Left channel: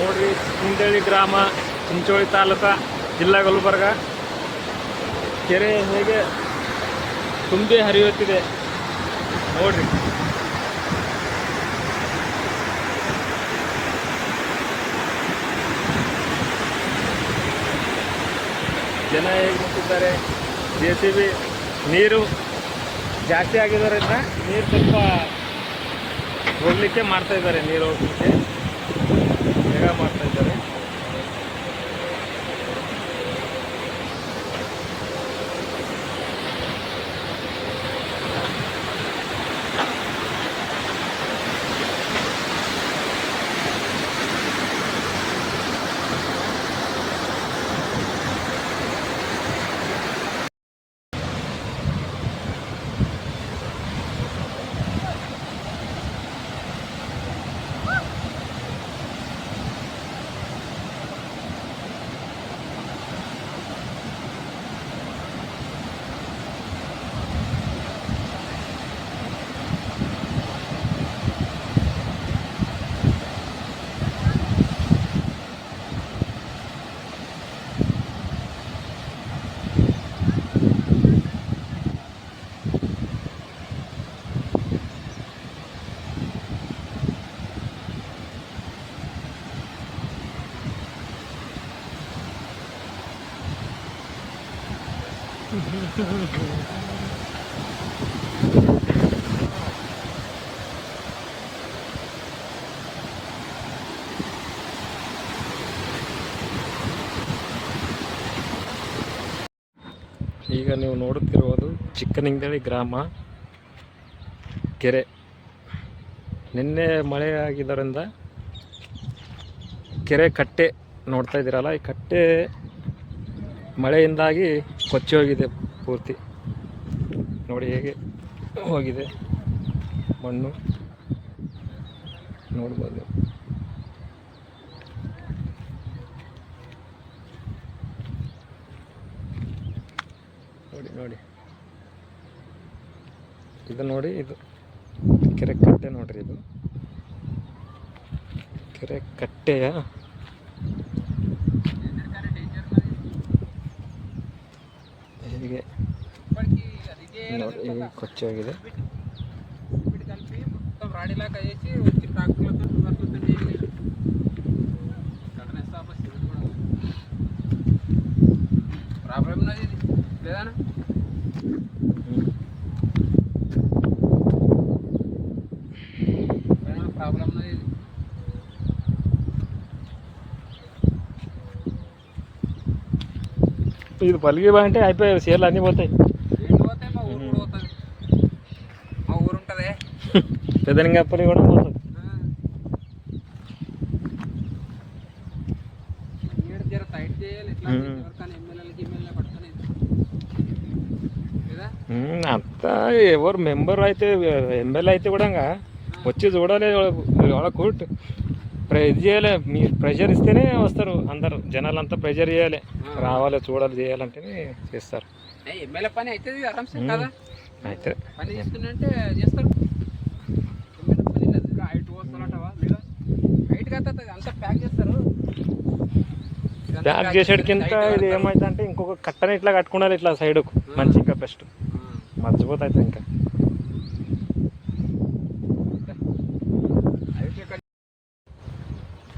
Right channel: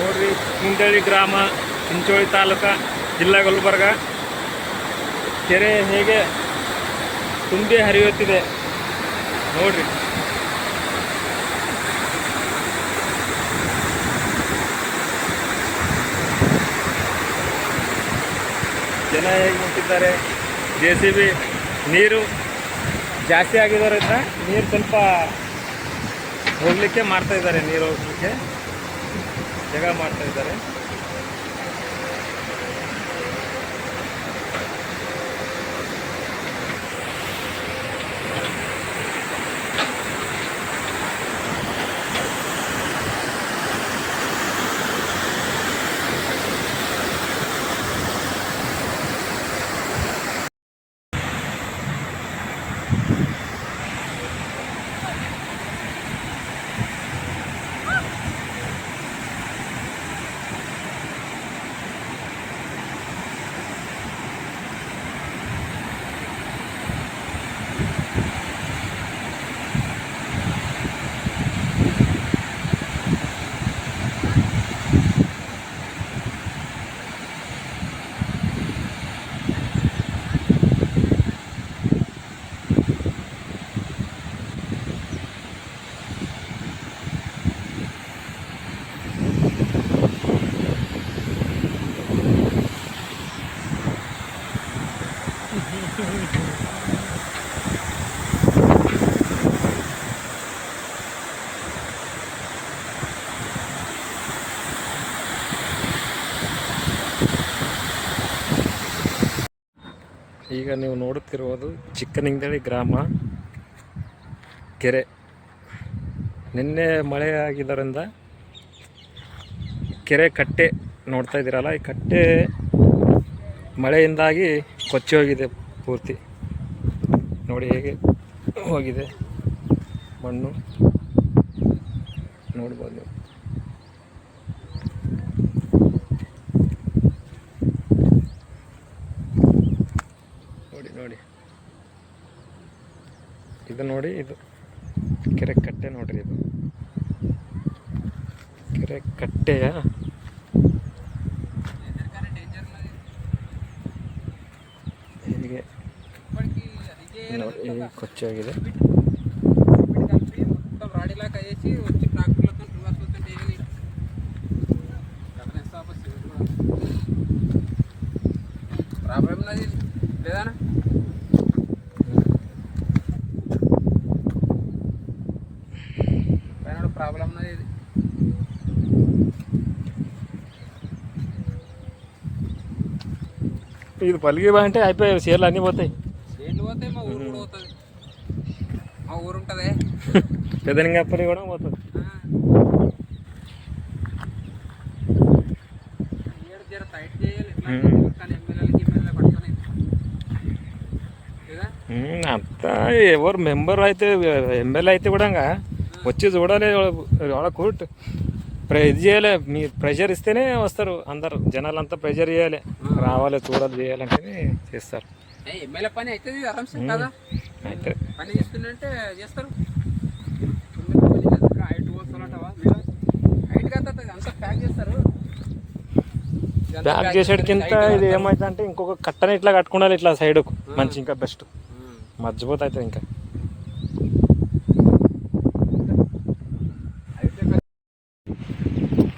ನೋಡ್ರಿ ಚಿಂಚೋಳಿ ಗ್ರಾಮ, ಚಿಂಚೋಳಿ ತಾಲೂಕ, ಜಿಲ್ಲಾ ಗುಲ್ಬರ್ಗ. ಕೆರೆ ಹೇಗೆ ತುಂಬಿ ಹರಿಯುತ್ತಿದೆ ನೋಡ್ರಿ. ಜನ ಹೇಗೆ ನಿಂತಿದ್ದಾರೆ? ಜೆ ಸಿ ಬಿ ನೀರು ಜಾಸ್ತಿ ಆಗಿರೋದ್ರಿಂದ ನೀರು ಸ್ವಲ್ಪ ಹೋಗ್ಲಿಕ್ಕೆ ಮಾಡ್ತಾ ಇದ್ದಾರೆ ನೀರು ಹೋಗ್ಲಿಕ್ಕೆ. ಜಾಗ ಮಾಡ್ತಾ ಇದ್ದಾರೆ ಈಗ ನೀವು ನೋಡುತ್ತಿರುವುದು ಚಿಕ್ಕನಿಂದಳಿ ಗ್ರಾಮ, ಕೆರೆ. ನಿನ್ನೆ ಮಳೆ ಆಗಿದ್ದರಿಂದ ಕೆರೆ ಕಟ್ಟೆ ನೋಡ್ತಾ ಇದ್ದೀರಲ್ಲ, ಈ ಕಟ್ಟೆ ಮಳೆಯಿಂದಾಗಿ ಕೊಚ್ಚಿ ಹೋಗಿದೆ ಪೂರ್ತಿ. ನೋಡಿ ಹೇಗೆ ಹೋಗಿದೆ ಮಣ್ಣು. ನೋಡ್ಬೋದು ನೋಡಿ ನೋಡಿ. ಇದು ನೋಡಿ, ಇದು ಕೆರೆ ಕಟ್ಟೆ ನೋಡ್ರಿ ಇದು. ಕೆರೆ ಕಟ್ಟೆಯ కొచ్చాಗಿದೆ ప్రాబ్లం లేదనా ప్రాబ్లం ఇది ఇది పలిగి అంటే అయిపోయాయి చీరలు అన్నీ పోతాయి. పట్టుకొని. లేదా? ఉమ్, అంతా ఎవరు మెంబర్ అయితే ఎమ్మెల్యే అయితే కూడా వచ్చి చూడాలి వాళ్ళకు ప్ర- ఇది చేయాలి మీ ప్రెషర్ ఇస్తేనే వస్తారు అందరు. జనాలంతా ప్రెషర్ చేయాలి. రావాలి చూడాలి చేయాలంటేనే చేస్తారు. ఎమ్మెల్యే పని అవుతుంది ఆరామ్సే మ్మ్. కదా? అయితే పని చేస్తుందంటే చేస్తారు ఎమ్మెల్యే పని లేదు. ఇంకా హైట్ పోస్తారంటావా మీరు? హైట్ కాదు తాత, అంతా ప్యాక్ చేస్తారు ఇదంతా ప్యాక్ ప్యాక్ చేసేటికింత చేస్తారు, ఇది హైట్ ఏమైతే అంటే ఇంకొక కట్టని ఇట్లా కట్టుకోవాలి ఇట్లా సైడ్కు మంచి ఇంకా బెస్ట్ మ్మ్. మర్చిపోతే అవుతుంది ఇంకా అయితే ಕ-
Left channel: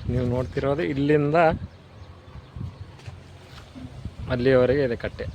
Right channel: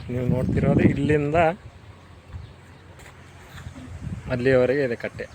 ನೀವು ನೋಡ್ತಿರೋದು ಇಲ್ಲಿಂದ ಅಲ್ಲಿಯವರೆಗೆ ಇದೆ ಕಟ್ಟೆ